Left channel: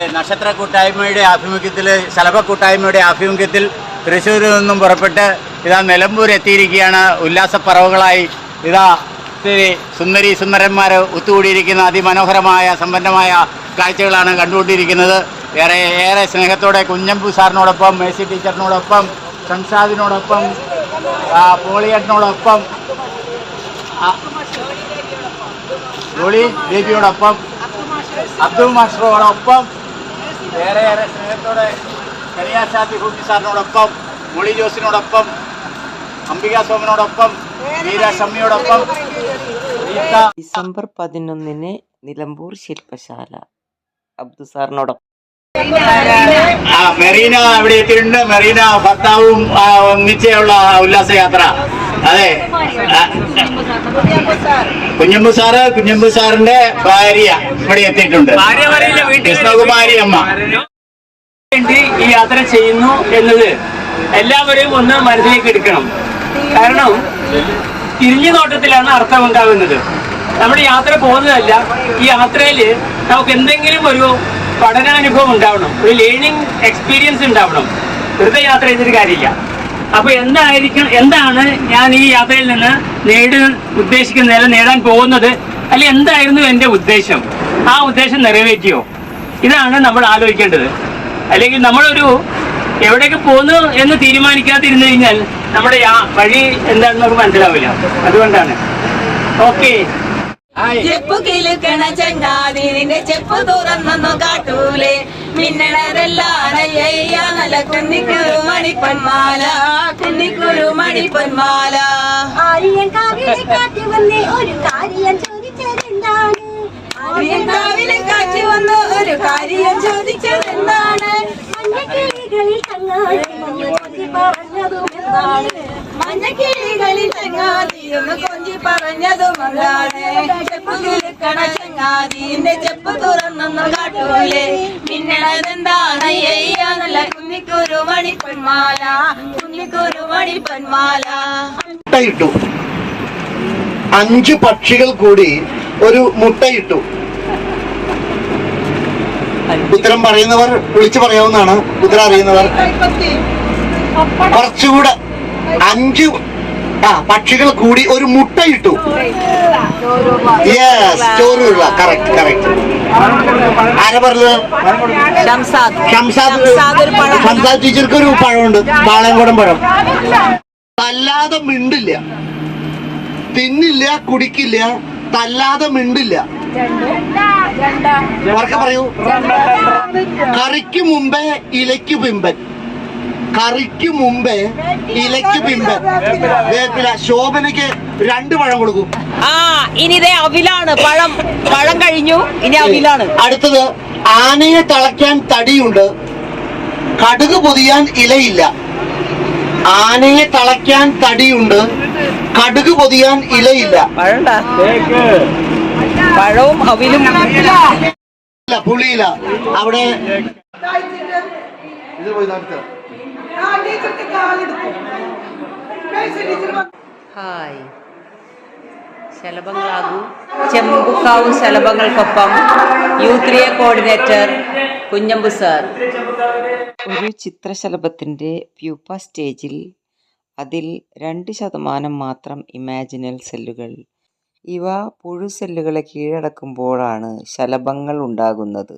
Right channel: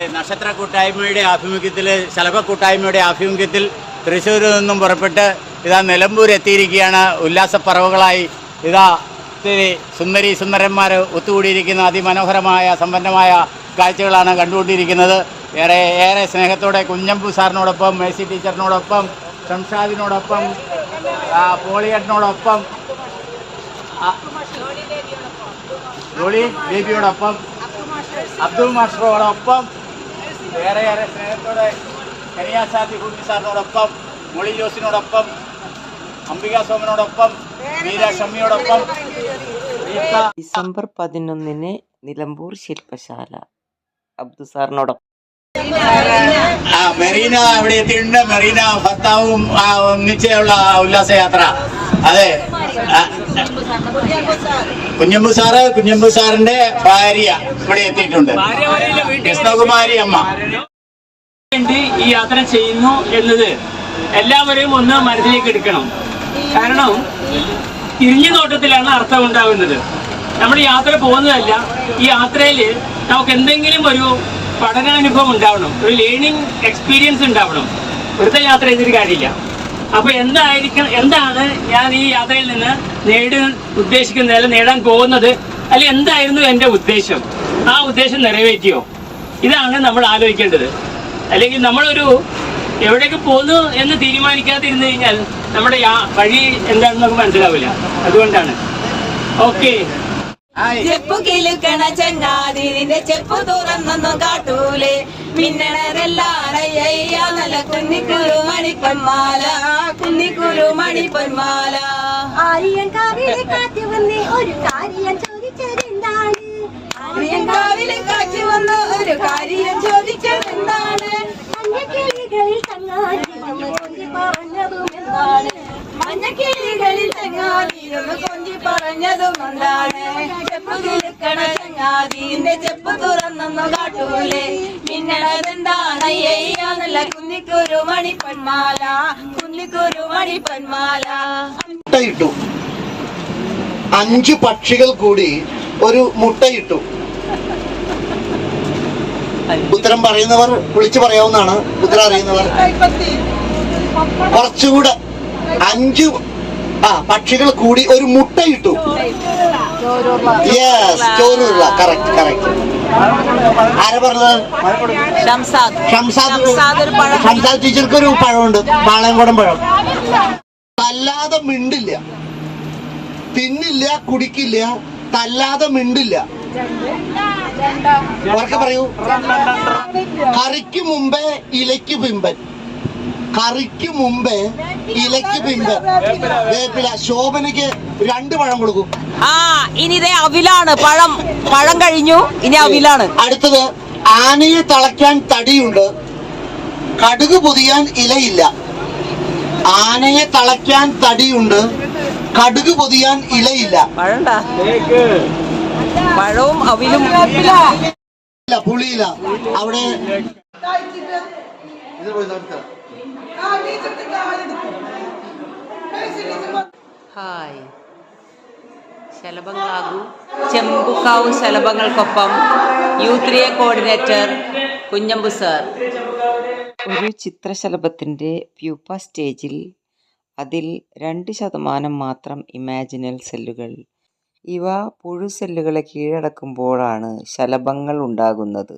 നക്ഷത്ര കൂട്ടായ്മയുടെ ആഭിമുഖ്യത്തിൽ ശലഭ കൂട്ടായ്മയുടെ ആഭിമുഖ്യത്തിൽ തൃശ്ശൂരിൽ നിന്നും പുറപ്പെട്ട് ഇതാ നിലമ്പൂർ എത്തിയിരിക്കുകയാണ്. ഉല്ലാസപ്പറവുകളായി ഇതാ സുന്ദരി സുന്ദരന്മാർ ഒത്തുകൂടിയിരിക്കുന്ന അതിമനോഹരമായ സമ്പന്നമായ കാഴ്ചകളാണ് കണ്ടുകൊണ്ടിരിക്കുന്നത്. ഏറെ സ്നേഹത്തോടെ കുഞ്ഞമ്പു സാറിനോടൊപ്പം, മേഴ്സി ടീച്ചറിനോടൊപ്പം, സംഷാദിനോടൊപ്പം, പോളിയേട്ടനോടൊപ്പം, ജോളി ബേബിയോടൊപ്പം, അബ്ദുൾ മാസ്റ്ററോടൊപ്പം, ഏറെ സ്നേഹത്തോടെ കരിയാശാദി ഹൂട്ടി സാറിനോടൊപ്പം, മൊളി ജോസിനോടൊപ്പം, അംബിക സോമനോടൊപ്പം, ഷമ്മിയോടൊപ്പം. ഡിസംബർ 11 നിലമ്പൂർ ശില്പശാല അബ്ദു സാറിനോടൊപ്പം. മെറീന അവിടെ എത്തിയിട്ടുണ്ട്. മെറീന ഭർത്താവും ഒന്നിച്ചുള്ള ഉല്ലാസയാത്ര. അതെ, കുഞ്ഞമ്പു സാറിന്റെ ഭാര്യ ഇവിടെ എത്തിയിട്ടുണ്ട്. കൃഷ്ണകുമാരി അമ്മ ഈ യാത്ര ചെയ്യുന്നു എന്നത് എല്ലാവരെയും ഒന്ന് മനസ്സിലേക്ക് എടുക്കണം. കാരണം തിരിഞ്ഞു നോട്ടത്തിലാണ് അർത്ഥം ഉണ്ടാകുന്നത്. നമ്മൾ യാത്ര പോകുന്നതല്ല, ഈ യാത്രയിൽ നമുക്ക് എന്തെങ്കിലും ഒരു പഠനാനുഭവം ഉണ്ടാവണം, ഒരു ലേണിംഗ് എക്സ്പീരിയൻസ് ഉണ്ടാവണം. വെറുതെ യാത്ര ചെയ്തിട്ട് കാര്യമില്ല. അപ്പൊ എന്താണ് ഞാൻ ഈ യാത്രയിൽ നിന്ന് നേടാൻ പോകുന്നത്, അല്ലെങ്കിൽ എന്തായിരുന്നു എൻ്റെ ഉദ്ദേശം, ആ ഉദ്ദേശം നിറവേറ്റിയോ, ഇതാണ് നമ്മൾ ആലോചിക്കേണ്ടത്. അല്ലെങ്കിൽ നമ്മളൊരു എവിടേക്ക് പോകുന്നു എന്ന് തീരുമാനിക്കാതിരുന്നു കഴിഞ്ഞാൽ നമ്മുടെ വഴി എന്താണെന്ന് നമുക്ക് മനസ്സിലാവില്ല. അതുകൊണ്ടാണ്. ഓക്കെ. ചെപ്പു കിലുക്കണ ചെങ്ങാതി നിന്റെ ചെപ്പു തുറന്നൊന്നു കാട്ടൂലേ, മിന്നണരെല്ലാണ് നല്ല കുന്നിക്കുരു മണിപ്പൊന്മാല, കുന്നിക്കുരു മണിപ്പൊന്മാല. ആര്യൻ കാവിലെ കാറ്റ് വന്ന് ഒരു കാര്യം ചോദിച്ചതെന്താണ്, ആര്യൻ കാവിലെ കാറ്റ് വന്ന് ഒരു കാര്യം ചോദിച്ചതെന്താണ്, മഞ്ഞക്കിളികളിൽ ചങ്ങാതി കൊഞ്ചി പറഞ്ഞതുമെന്താണ്, മഞ്ഞക്കിളികളിൽ ചങ്ങാതി ഒന്ന് കൊഞ്ചി പറഞ്ഞതുമെന്താണ്. ചെപ്പു കിലുക്കണ ചെങ്ങാതി നിന്റെ ചെപ്പു തുറന്നൊന്നു കാട്ടൂലേ, മിന്നണതെന്താണ് നല്ല കുന്നിക്കുരു മണിപ്പൊന്മാല, കുന്നിക്കുരു മണിപ്പൊന്മാല. മുട്ടയിട്ടു 5 പക്ഷികൾ കൂടി ഒരു മുട്ടയിട്ടു. ഉത്തരം പറയുന്നവർ വിളിച്ചു പറയാവുന്നതാണ്. ഉത്തരം അറിയുന്നവർ കുറച്ചുകൂടെ. 5 പക്ഷികൾ കൂടി ഒരു മുട്ടയിട്ടു. യെസ്, ചോറുള്ള. കറക്റ്റ്. ആരാ പറഞ്ഞത്? ഷംസാദ് ടീച്ചർക്ക് ഒരു പഴമുണ്ട്, പാളയംകോടൻ പഴം. തല്ലാതെ മിണ്ടില്ല, തിന്നില്ല, കുടിക്കില്ല, തല്ലാതെ മിണ്ടില്ല. ഉറക്കെ പറയൂ. കറിക്ക് മുമ്പേ ഇലയ്ക്ക് പിമ്പൻ, കറിക്ക് മുമ്പേ ഇലയ്ക്ക് പിമ്പൻ. വേപ്പില. ശോഭനയ്ക്ക് 2 പഴം കൊടുക്കും. ഇനി ഇതേ അവിലാണ്. പഴം കഴിഞ്ഞു, ഇനി അവിലാണ്. അടുത്തത്, ആനയെ തളയ്ക്കാൻ തടിയുണ്ട്, കടുക് പൊതിയാൻ ഇലയില്ല. ആനയെ തളയ്ക്കാൻ തടിയുണ്ട്, കടുക് പൊതിയാൻ ഇലയില്ല. പഴവും അവിലും പുളിയില. അവിടെ ഹായ്. ശലഭങ്ങളാകൂ. ചെമ്പുക്കാവ് ശലഭങ്ങൾക്കൊപ്പം യൂത്ത് കോർഡിനേറ്റർ കുഞ്ഞമ്പു സാർ. ഒരു ചിത്രശലഭത്തിൻ്റെ പ്യൂപ്പ സ്റ്റേജിൽ അതിൽ 2% മാത്രം ഇമാജിനൽ സെല്ലുകൾ. ഇവ പുഴു സെല്ലുകളെ കീഴടക്കുമ്പോഴാണ് ശലഭങ്ങൾ ഉണ്ടാകുന്നത്.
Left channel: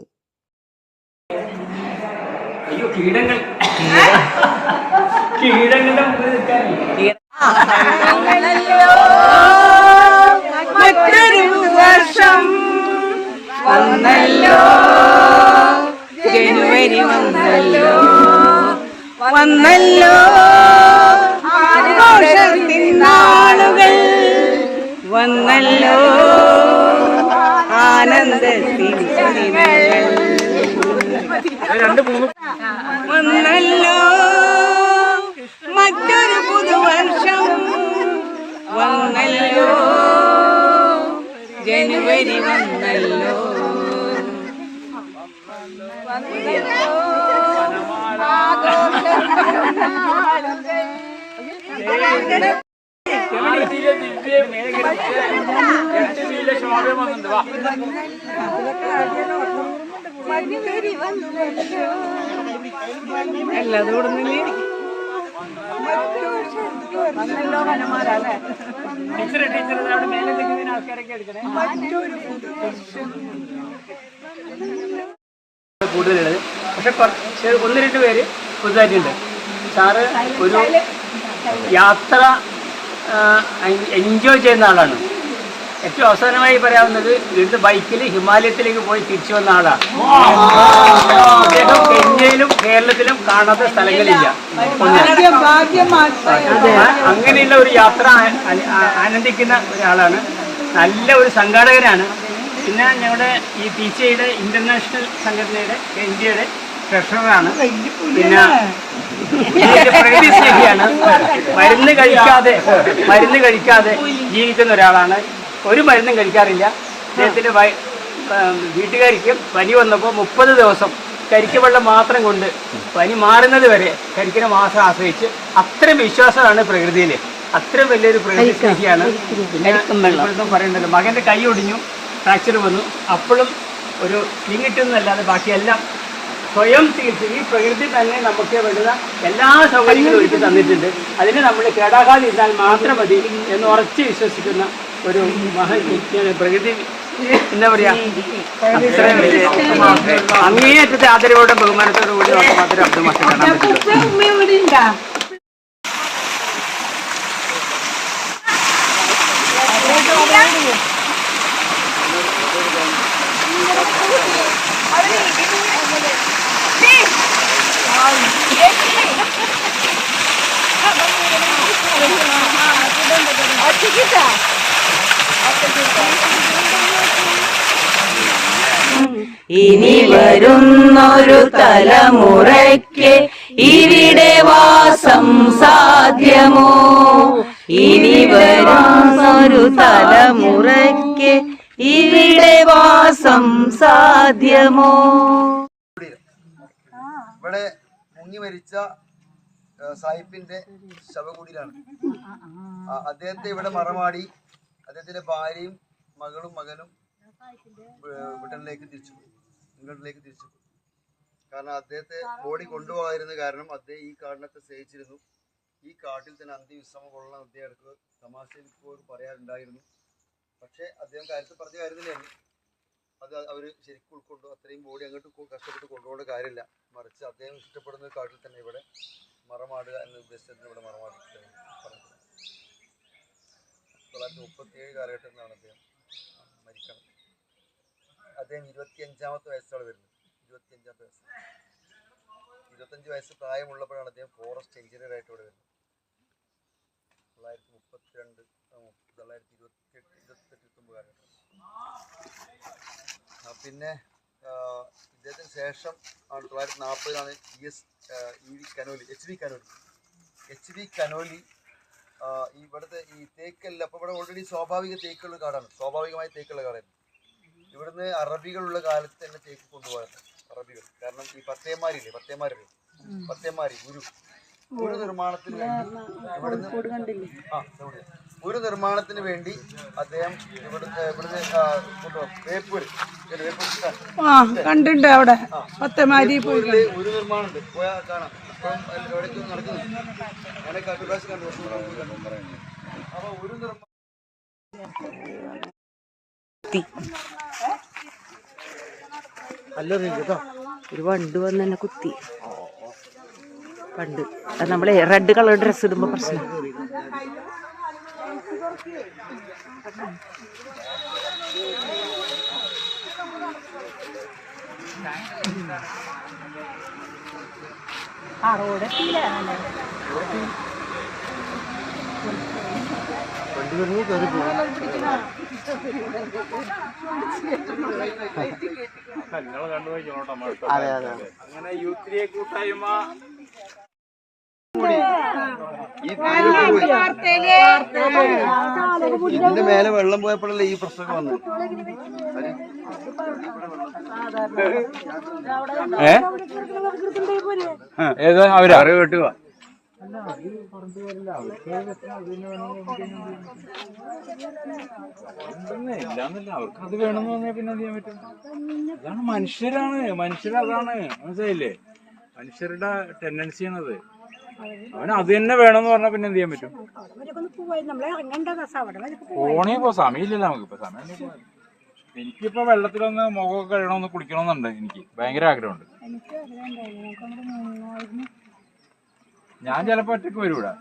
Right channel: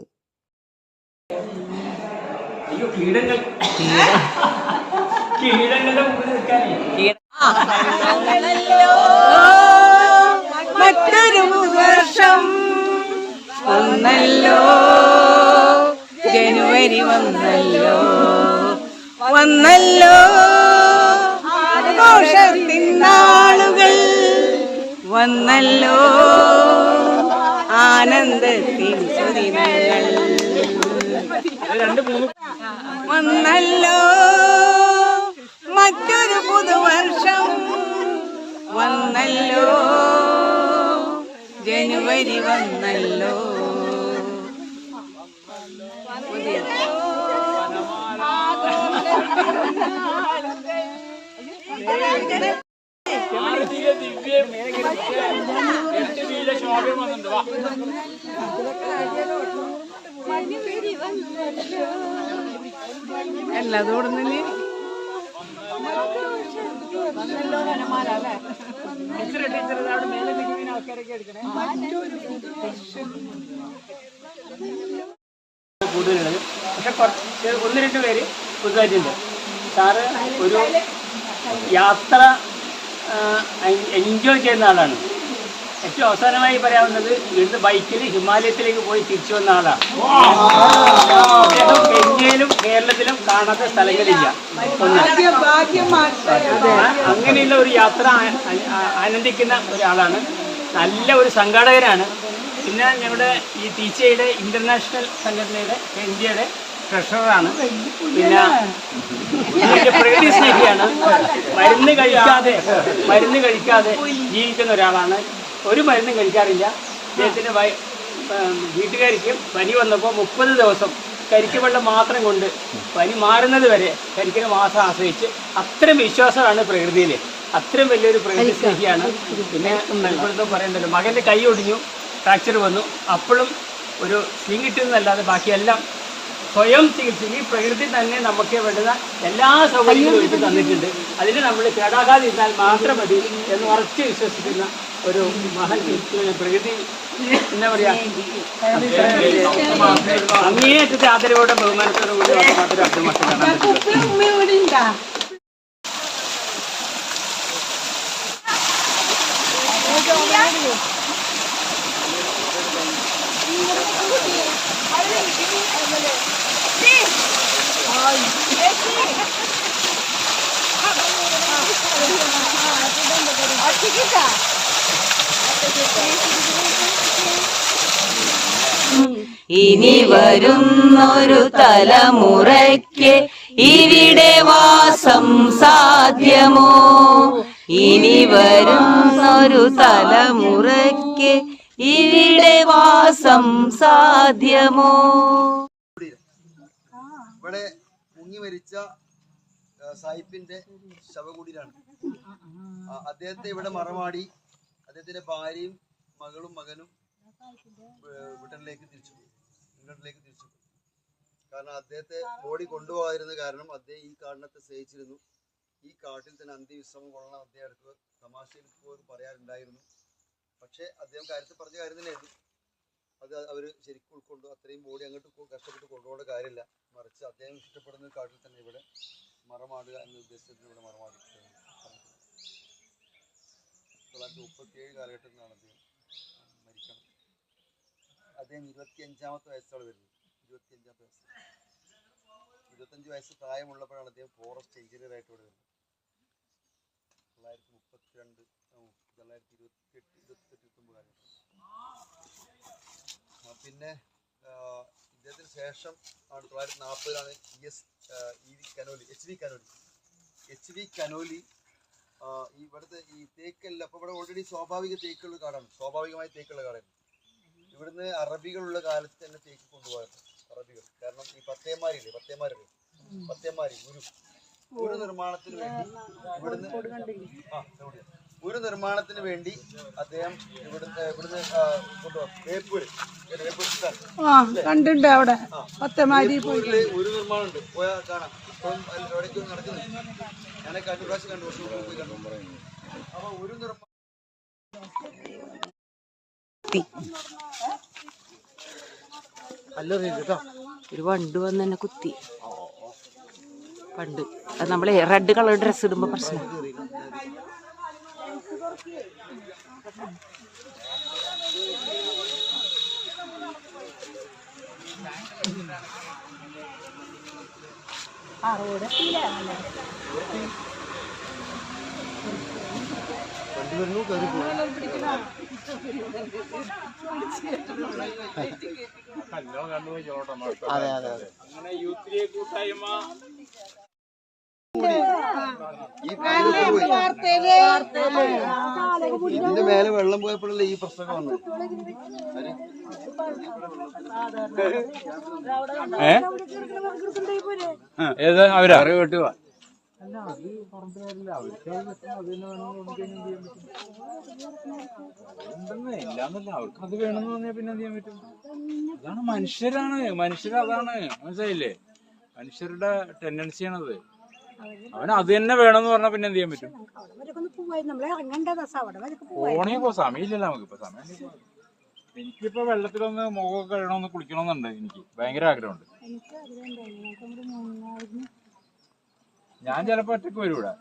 മറ്റൊരു വർഷം വന്നല്ലോ, ജനുവരി വന്നല്ലോ, ആഘോഷത്തിൻ നാളുകൾ വന്നല്ലോ, ആനന്ദത്തിൻ വന്നല്ലോ, മറ്റൊരു പുതുവർഷം വന്നല്ലോ, ജനുവരി വന്നല്ലോ. മഞ്ഞുകരി വന്നല്ലോ കൂടുതലുള്ളത്. പക്ഷെ കുറച്ച് 1-2 പേര് പുതുതായിട്ടുണ്ട്. സാറ് ഒരു യാത്ര എൻജോയ് ചെയ്യുന്ന ആളാണ്. ഏറ്റവും അവസാനമായി പറയാവുന്നത് ഇവിടുത്തെ ബൈക്കിൽ ഹിമാലയത്തിലേക്ക് പോയി തിരിച്ചു വന്ന ആളാണ്. അദ്ദേഹം കെന്യയിലും കേരളത്തിലും കാണാത്ത സ്ഥലങ്ങളില്ല. അങ്ങനെയുള്ള ഒരു യാത്ര ആനന്ദിക്കുന്ന ഒരാളാണ്. നല്ല ഒരു സംഘാടകനാണ്. പിന്നെ ഞങ്ങളുടെ ഈ ടീച്ചയുടെ ഇന്റർനാഷണൽ സംഘടനയുടെ ഇന്ത്യയുടെ ട്രഷററാണ്. പിന്നെ പ്രകൃതി സ്നേഹിയാണ്. മരുന്ന് കഴിക്കാതെ ജീവിക്കുന്ന ഒരാളാണ്. ഒരു മരുന്നും കഴിക്കാറില്ല. അദ്ദേഹത്തിൻ്റെ വീട്ടുകാരിക്കും പനി വന്നപ്പോൾ 30 ദിവസം കരിക്ക് വെള്ളം മാത്രം കൊണ്ട് പനി മാറുന്നത് വരെ കരിക്കിനെ മാസം ആശ്രയിച്ച് അത്രയും വിശ്വാസമാണ് പ്രകൃതിയിൽ. അത്രയും വലിയൊരു പ്രകൃതി സ്നേഹിയാണ്. പിന്നെ ഇപ്പോഴത്തെ പറയണ്ടല്ലോ, മകൻ്റെ കൈ ഒടിഞ്ഞു, ഫ്രാക്ചർ വന്നു, അപ്പോഴും ഒരു സ്ലിംഗ് കിട്ടുന്നതല്ലാതെ ബാക്കിയെല്ലാം സ്വയം ചികിത്സ. ഈ പ്രകൃതി തന്നെ നമുക്ക് വേണ്ടുന്ന എല്ലാ സൗകര്യങ്ങളും ഒരുക്കി തന്നിട്ടുണ്ട്. അതിന് നമ്മൾ കേടാകാതെ ഇരുന്നാൽ മാത്രം മതി എന്ന് ഉറച്ച് വിശ്വസിക്കുന്ന ഒരു പ്രകൃതി എന്താ പറയാ, അങ്ങേയറ്റത്തെ ആദരവോടെ ബഹുമാനത്തോടു കൂടി മാത്രമേ അബ്ദുൽ മാസ്റ്റർ കാണാൻ പറ്റുള്ളൂ. ഇനി വരുന്നൊരു തലമുറയ്ക്ക് ഇവിടെ വാസം സാധ്യമോ? ഇനി വരുന്നൊരു തലമുറയ്ക്ക് ഇവിടെ വാസം സാധ്യമോ? ഇവിടെ മുങ്ങി മരിച്ച സായിപ്പിന്റെ ശവകുടീരാണ്. അദ്ദേഹത്തെ ഇവിടെ മറമാടി അദ്ദേഹത്തിന്റെ ഭാര്യയും മകനും ഇംഗ്ലണ്ടിലേക്ക് തിരിച്ചു പോയി. കാരണം അദ്ദേഹത്തെ ബോഡി കൊണ്ടുപോകാതിരുന്ന കാരണം അദ്ദേഹം ഈ കാടിനത്തെ സ്നേഹിച്ചിരുന്നു. ഈ കാട്ടിൽ തന്നെ അന്ത്യവിശ്രമം കൊള്ളാൻ അദ്ദേഹം എടുക്കുക തമാശയിൽ പോലും പറയാറുണ്ടായിരുന്നു. പക്ഷെ അദ്ദേഹം കാര്യത്തിൽ പറഞ്ഞ കാര്യം തന്നെയാണ്. അത് അവർ ശരിക്കും ഉൾക്കൊണ്ടു. അത്രയും ബോഡി അങ്ങോട്ട് കഷ്ടപ്പെട്ട് കൊണ്ടുപോകേണ്ട കാര്യമില്ല. മറിച്ച് അദ്ദേഹം ഇഷ്ടപ്പെടുന്ന കാട്ടിൽ തന്നെ ഇവിടെ മറമാടുക എന്ന ഉദ്ദേശത്തിന് ഇവിടെ മറമാടി 1937 കാലഘട്ടത്തിലാണ് അദ്ദേഹം മരിക്കണം. അദ്ദേഹം 25-ാമത്തെ വയസ്സാണ് വരുന്നത്. 25-ാമത്തെ വയസ്സ് 25 വയസ്സ് പ്രായമുള്ളപ്പോഴാണ് അദ്ദേഹം ഫോറസ്റ്റ് എഞ്ചിനീയർ ആയിട്ട് ഇവിടെ വരുന്നത്. 1932 1928 കാലഘട്ടം. പിന്നെ ഇദ്ദേഹത്തിന് ശേഷം ആണ് 1940-ലാണ് എച്ച് വി കനോലി ഇവിടുത്തെ ഈ തേക്കല്ല. അപ്പോൾ ഇവിടെ ഓൾറെഡി സ്വാഭാവിക തേക്കുള്ള കാടാണ്. സ്വാഭാവികമായി തേക്കുള്ള കാടായിരുന്നു. ഇവിടുന്ന് അറബികളുള്ള കാലത്ത് തന്നെ തേക്ക് കൊണ്ടുപോകാറുണ്ട്. അറബികൾ കാരണം ഈ പത്തേമാരി ഗുരു നിർമ്മാണത്തിന് വേണ്ടി ഗുരു നിർമ്മാണത്തിന് വേണ്ടി അദ്ദേഹം ഇവിടുന്ന് വേപ്പൂര് കണ്ടിട്ടുണ്ട്. അവിടെ ഗുരു നിർമ്മാണം ഉണ്ട്. പോയാൽ കാണാം. ഇപ്പം എവിടേക്ക് നടക്കുന്നു. അങ്ങനെ കണ്ടുപ്രാവശ്യം കണ്ടു. അപ്പൊ ഒരു നിർമ്മാണം ഒരു വണ്ട് വന്ന് എന്നെ കുത്തി. പണ്ട് നമ്മളെ റെഡ് കളർ ഡ്രസ് ഇടുമ്പോ പ്രശ്നം. അങ്ങനെ യൂത്ത് കൂട്ടായ്മ ഇതിന്റെ മേലെ വെള്ളം പോയപ്പോഴല്ലേ ഈ പ്രശ്നം വന്നത്. ഏതാ അവരെ വെട്ടുക പറഞ്ഞിട്ട് കാര്യമില്ല. അവർക്ക് അത് തന്നെ വേണമെന്ന് പറഞ്ഞാൽ ഇല്ലാന്നല്ല, അവർക്ക് അത് വേണമെന്ന് പറഞ്ഞാൽ പിന്നെ എന്ത് ചെയ്യാൻ പറ്റും? അതാണ് മനുഷ്യരതാണ്, മനസ്സിലായില്ലേ? മനുഷ്യരുടെ ടെൻഡൻസിയാണത്. അവന് അത് തന്നെ വേണമെന്ന് പറഞ്ഞാൽ പിന്നെ എന്ത് ചെയ്യാൻ പറ്റും? പോണേ പോ, സമയമില്ലല്ലോ നമുക്കിപ്പോ. സമയം എനിക്കിപ്പോ വെള്ളത്തിലൊന്ന് മുഖമൊക്കെ കഴുകണമെന്ന് കുളിക്കണമെന്നുണ്ട്. എനിക്ക് ഭയങ്കര ആഗ്രഹമുണ്ട്. ഞാൻ ചിലപ്പോ ഒറ്റക്ക് വരും ഇവിടെ.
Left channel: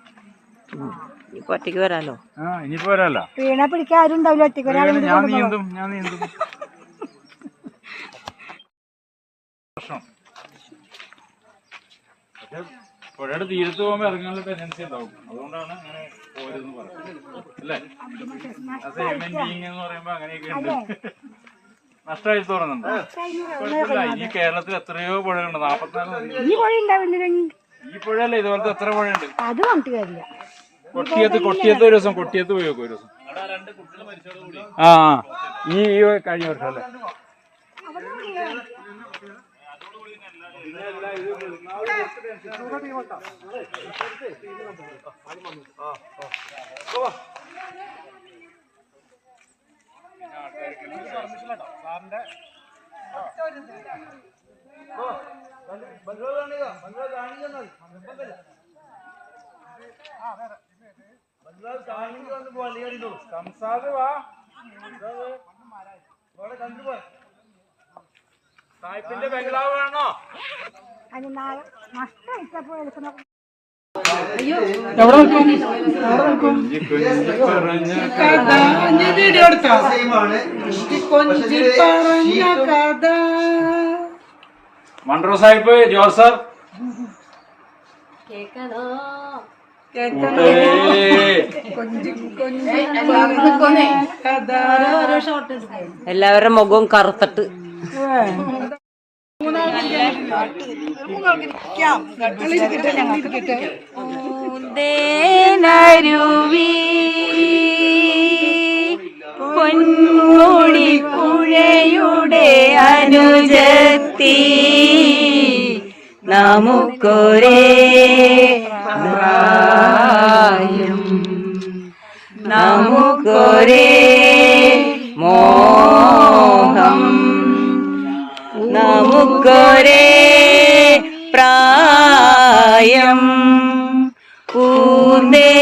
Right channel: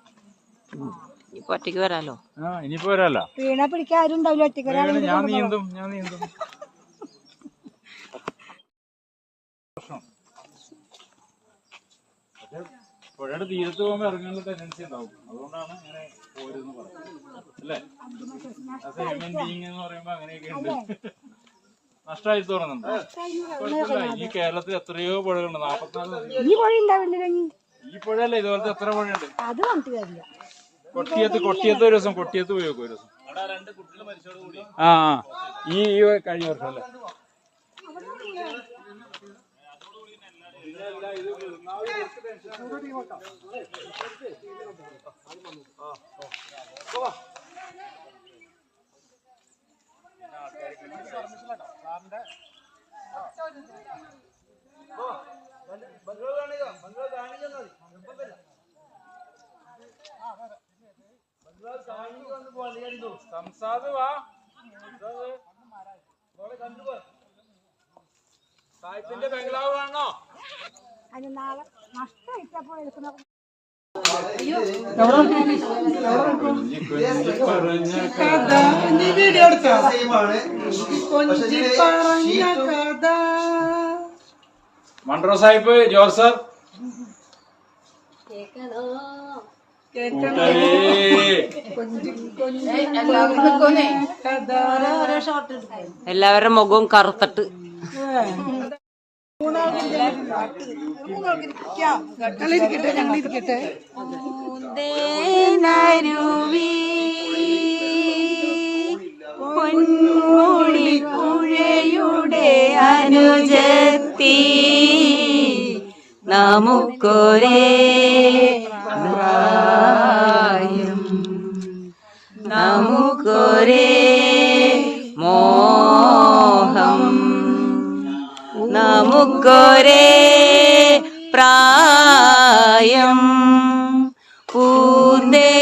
ഒറ്റയ്ക്ക് വരാലോ. ഇനിയിപ്പോ വരാല്ലോ. വീണ പിടിക്കാൻ ആരും ഉണ്ടാവില്ല, ഒറ്റയ്ക്ക് ഞാൻ നീന്തും. പ്രശ്നം പക്ഷെ പുഴയുടെ തീരത്ത് പോകുമ്പോൾ ഇറങ്ങാനുള്ള ടെൻഡൻസി ഉണ്ടാവും. അതുകൊണ്ടാണ് അങ്ങനെ പോരുതെന്ന് പറയുന്നത്, അല്ലേ? എന്ന് പറയുമ്പോ അങ്ങനെയൊക്കെ ഉണ്ട്. നഷ്ടമായി തോന്നുന്നുണ്ട്. ഈ കേരളത്തിൽ എത്രയോ പുഴകളുണ്ട്, 44. ഈ പുഴയല്ല, ഇതുപോലത്തെ എത്ര പുഴയുണ്ട്. കൊട്ടിയത്ത് ഒരു ദിവസം പോയി നോക്കും ഒരു ദിവസം. ഈ കഴിഞ്ഞ വർഷം അല്ലേ? സായിപ്പിന്റെ ബംഗ്ലാവ് വേണോ? മൺട്രോ സാഹിബ്, ജോർജ് സാർ, എല്ലാവരുടെ മുഖവും കറുത്തിട്ട് പൊന്മുടി പുഴയുടെ അനുജത്തി നമുക്കൊരേ നമുക്കൊരേ മോഹം, നമുക്കൊരേ പ്രായം, പൂന്തേനരുവി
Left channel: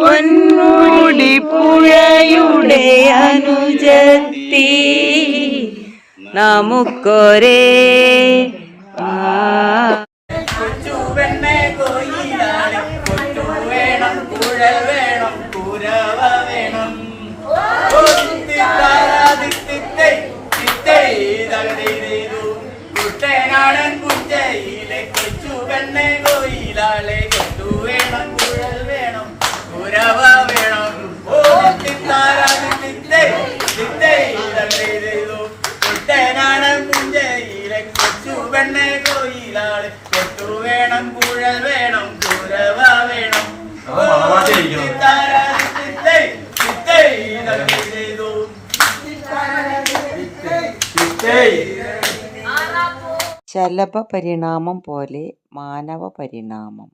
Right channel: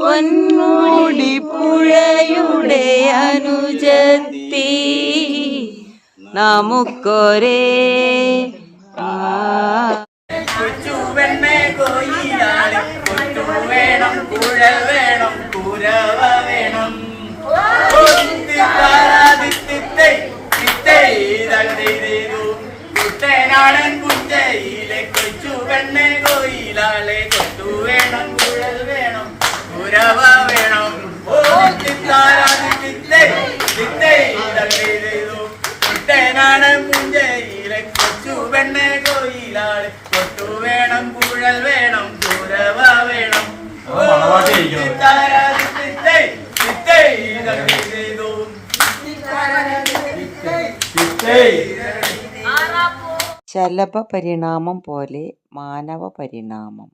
പൊന്മുടി പുഴയുടെ അനുജത്തി നമുക്കൊരേ വേണം, കുഴ വേണം, കുരവ വേണം. കുട്ടനാടൻ കുഞ്ചയിലെ കൊച്ചു പെണ്ണെ കോയിലാളെ കൊട്ടു വേണം, കുഴൽ വേണം, കുരവ വേണം. ഓ കുട്ടനാടൻ കുഞ്ചയിലെ കൊച്ചു പെണ്ണെ കോയിലാളെ കൊട്ടു വേണം, കുഴൽ വേണം, കുരവ വേണം. ശലഭ പരിണാമം പോലെ മാനവ പരിണാമം.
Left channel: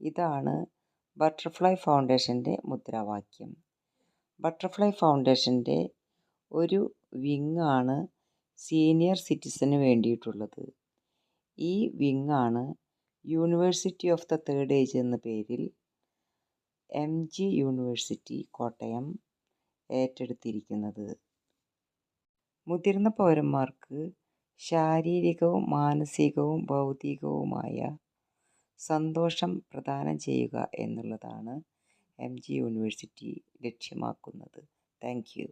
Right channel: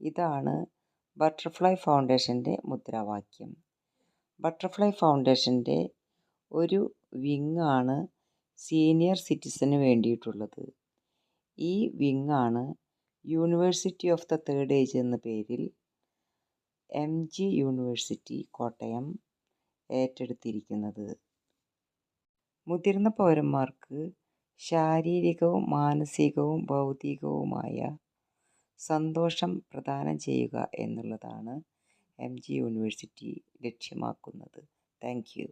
ഇതാണ് ബട്ടർഫ്ലൈ ഫൗണ്ടേഷൻ്റെ മുദ്രാവാക്യം. ബട്ടർഫ്ലൈ ഫൗണ്ടേഷൻ്റെ ഒരു വിങ്ങാണ് സീനിയർ സിറ്റിസന് വേണ്ടിയിട്ടുള്ളത്. ഈ വിങ്ങാണ് university of the third age എന്ന പേരിൽ MG യൂണിവേഴ്സിറ്റി കോട്ടയം ഏറ്റെടുത്തിരിക്കുന്നത്. മുതിർന്ന പൗരന്മാർക്ക് ശാരീരികവും മാനസികവും ബൗദ്ധികവുമായ സന്തോഷം പ്രദാനം ചെയ്യുക എന്നുള്ളതാണ് MG യൂണിവേഴ്സിറ്റി ലക്ഷ്യമാക്കുന്നത്. Thank U.